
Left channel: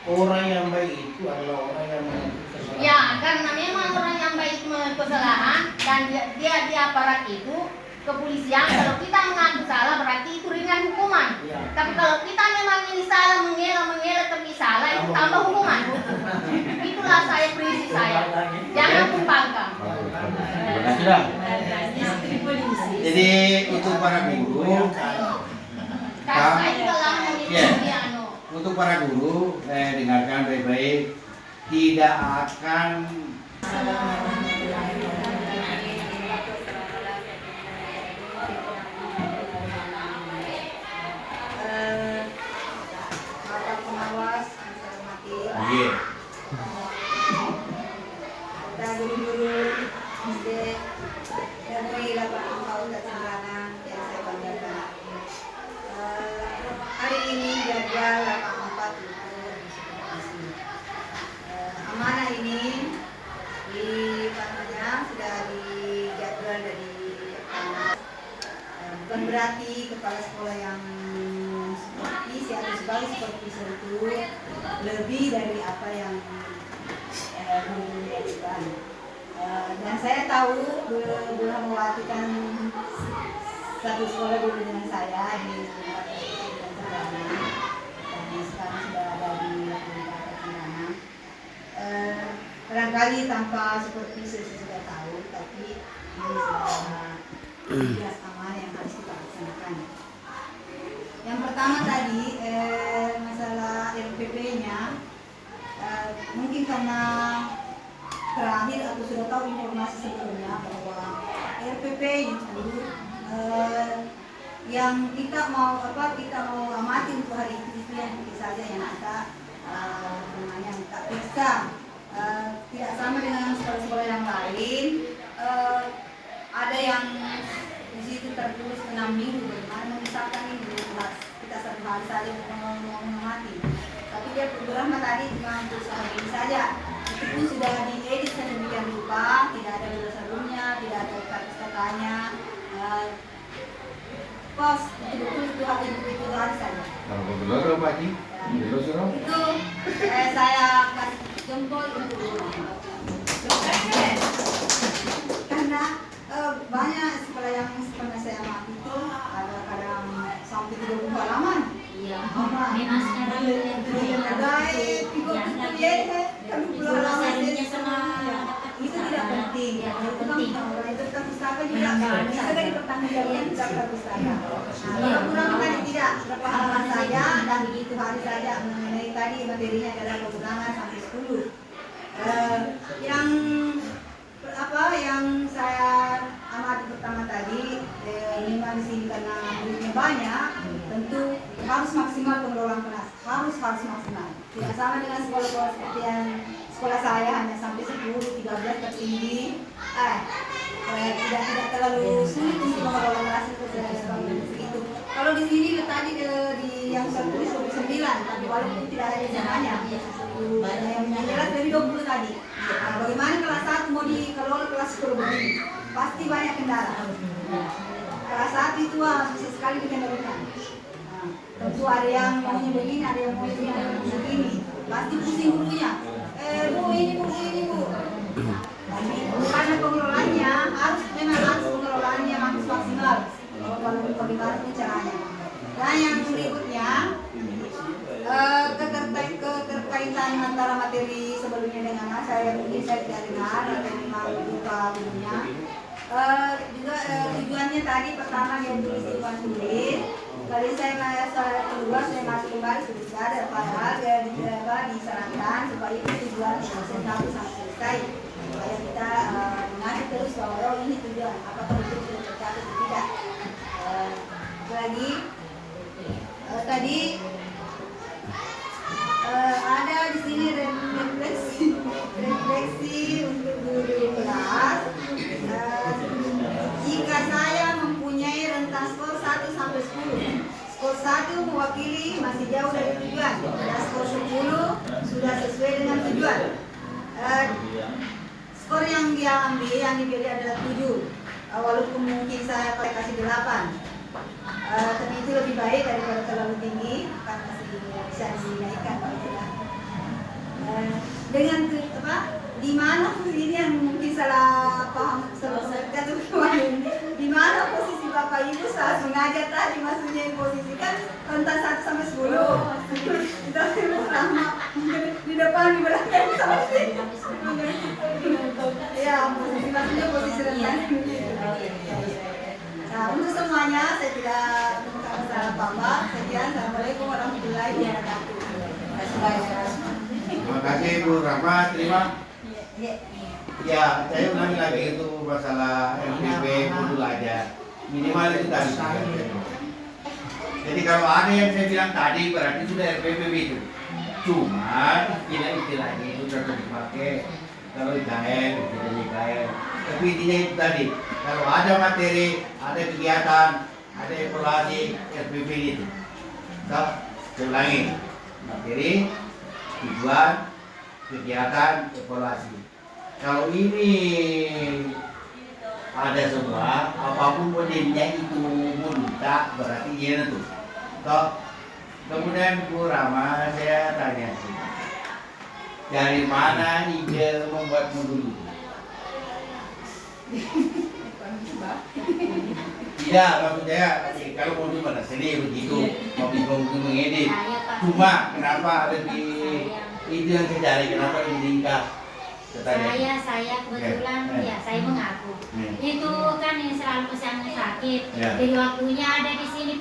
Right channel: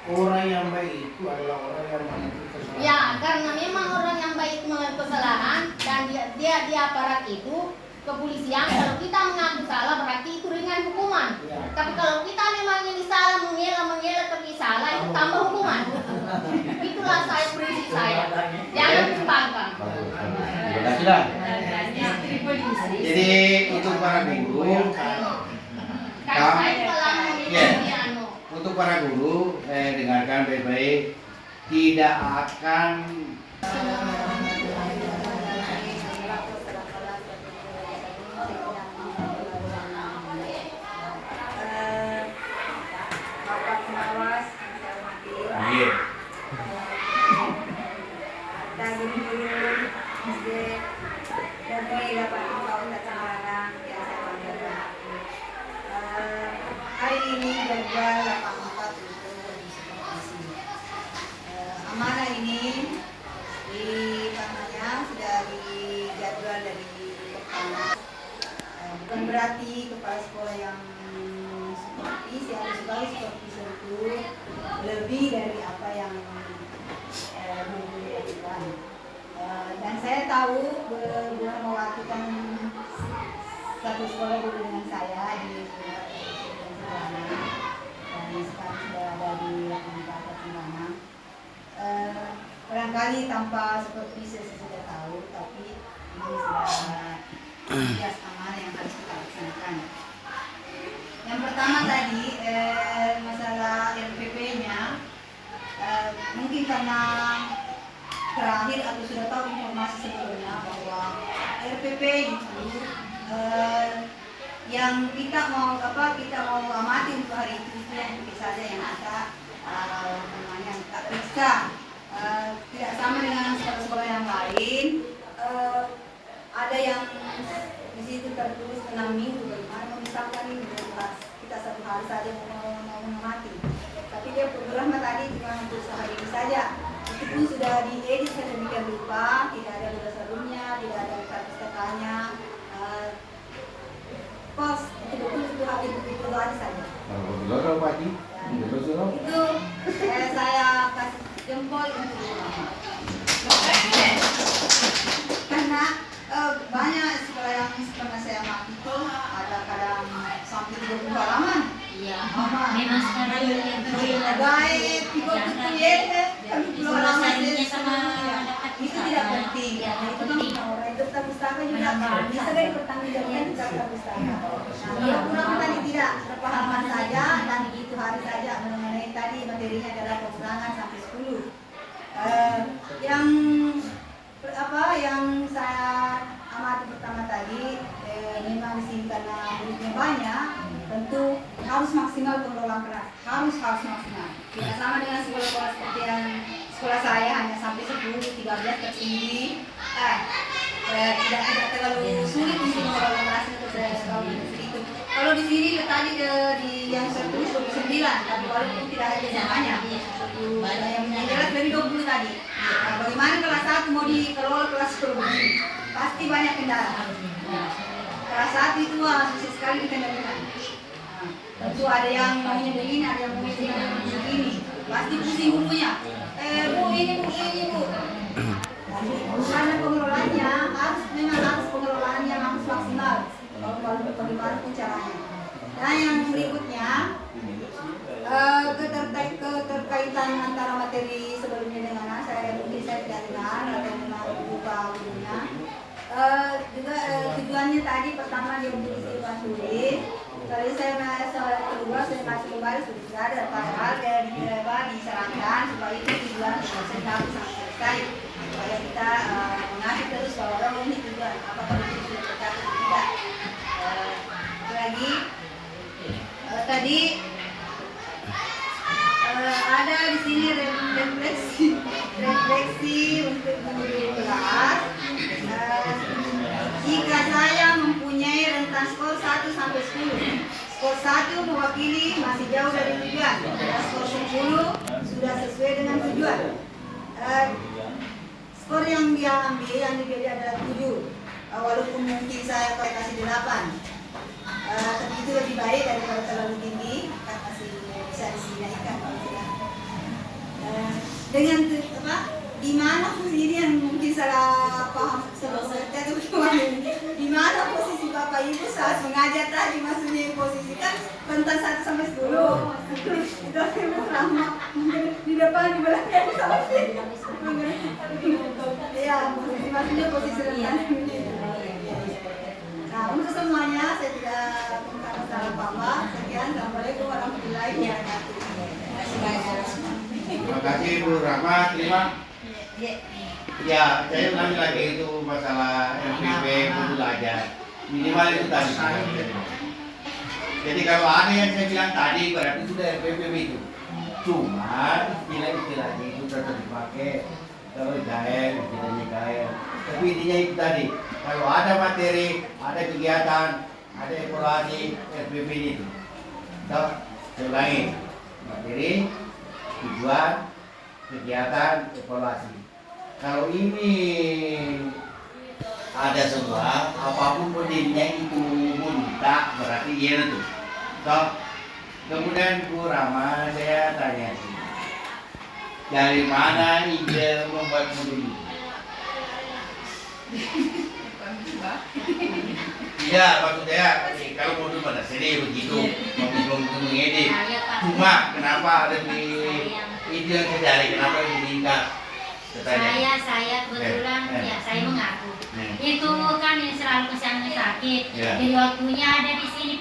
Orang yang baik itu adalah orang yang mengikuti kesalahan. Ya, karena memang orang yang baik kesalahan dan dia aparat itu kepolisian. Kalau kita mengaku salah berarti itu ringan hukuman. Ya. Tapi kalau kita memang ini salah mengelak tapi salah itu tambah hukuman. Itulah saya prinsip saya. Jangan tumpangkan. Terima kasih dah. Istri polisi. Jadi untuk para guru, Karena saya telah memiliki untuk para guru, dengarkan baik-baik, tidak akan Bapak pengawas yang saya hormati, dan guru-guru SD dari 8 tahun dan sekarang yang saya banggakan. Hari ini jadwal 84 itu disesuaikan. Amanah ini sudah dijadwal dari pertama. Bukan berarti kepala sekolah yang seperti atau sebagai supervisor itu lebih dari apa yang guru lakukan. Dan saya tahu Bu Rahmawati kan satu sekolah dulu dengan saya di sekolah dan Sederhana, dan sekarang sudah ada di Universitas Cendana. Barangkali tanpa supervisor saya sudah tahu, tapi ini sudah tugas amanah yang harus kita laksanakan. Yang pertama tadi masalah LPP-nya, mungkin karena terakhir atau sudah tahu informasi sebelumnya bahwa RPP itu yang kita mau amati untuk hari itu yang saja yang kita yang tak bisa tidak sama dengan sekolah-sekolah yang lain. Ada yang di situ tertulis 6 minggu, bagaimana misalkan ini kelas kita satu hari saja mau mengamati, tapi dia program tadi cuma untuk sehari ini saja. Meskipun sudah diedit sedemikian rupa, tidak ada berdasarnya, tidak ada kata-katanya, pos betul-betul itu hari saja. Kalau Pak Haji, Itu saya kasih jempol untuk karena banyak sekolah yang pernah saya amati itu ada kadang sampai 30 halaman. Iya. Memang sekarang itu tidak penting. Itu kan orang itu tetap pustaka juga bisa dipertanggungjawabkan daftar pustaka. Kalau kurang tadi tidak berapa halaman saja dan begitu hari saja mengenai tadi materinya adalah pengulangan sampai 10. Yang saya amati pertama tadi, memang di sini karena duitnya banyak, tentu harus maksimal pengelolaan kelas, harus maksimal. Tidak sama dengan sekolah-sekolah seperti yang sekolah saya hanya sampai 10, 13 tertinggi. Tidak terlalu sulit untuk mengelola kelas itu saya tahu itu. Kalau di sini tadi di yang tertulis 29, tapi walaupun tidak ada namanya, yang jelas dari 20 tadi. Nah, bagaimana kelas 1 mau dikelola kelas 10? Pasti banyak kendala. Kelas 1 itu bisa sekali dikendalikan. Tentu ada yang maunya begini, ada yang maunya begini, pasti pusing bukunya. Bu ini bu. Karena pengelolaannya memang harus pengelolaannya maksimal. Kalau bagaimana pun caranya. Dan yang berikutnya keterkaitan antara materi sebelumnya dengan saya tidak dengar atau memang buka dulunya. Juga tujuannya tadi pertama dia beristimewa tulis. Kali saya kedua saya masuk kembali sudah ada padahal dia diserahkan supaya itu tujuan selesai sampai selesai. Supaya kita mengatur terus bahwa ini tujuan apakah itu sudah tercapai atau tidak. Lagi tadi ada di sini refleksi untuk guru kelas. Jika saya mempunyai rentang skor 1 sampai 10, skor 1 mewakili masih jauh dari tujuan, dan skor 10 sudah sesuai dengan tujuan. Skor yang dia ambil, yang dipilih adalah 7, walaupun mungkin saya kasih 8. Tapi itu lebih baik daripada terlalu tinggi, akan masih bisa dinaikkan kalau tidak. Dengan gimana posisi yang mungkin salah paham jatuh di mana posisi Bapak Ibu saat mengajar tadi, maksudnya posisi kan rentang 1 sampai 10 itu sama di depan di belakang sama sih ya maksudnya posisi rentang. Nah untuk semuanya saya tidak temukan masalah apa-apa. Sekian, assalamualaikum warahmatullahi wabarakatuh. Terima kasih. Terima kasih Bu Rahma, terima. Ya, saya ulangi lagi itu masalah LPP modul aja. Minimal itu tadi. Jadi kalau ada yang saya bilang tadi berarti sudah LPP itu. Cuma istilah-istilahnya itu tetap dipakai. Kalau gaya, istilahnya gaya. Tapi intinya itu tadi. Kalau ada materi, ada kegiatan, ada evaluasi LPP itu. Saya ulangi. Materi, tujuan, kegiatan, evaluasi. Kalau ini ada semua, apapun modelnya itu minta berarti iya itu. Kemudian Bu Rama saya tanya, dari mana ide membuat modul ini? Tidak, maksudnya kalau modul pada sini begitu, mau mengedit. Cuma kenapa ada di ide yang saya cari, kenapa ini tidak? Saya kebetulan ya saya mengaku itu kan yang selalu kesana sakit. Ya. Jadi waktunya ada di sini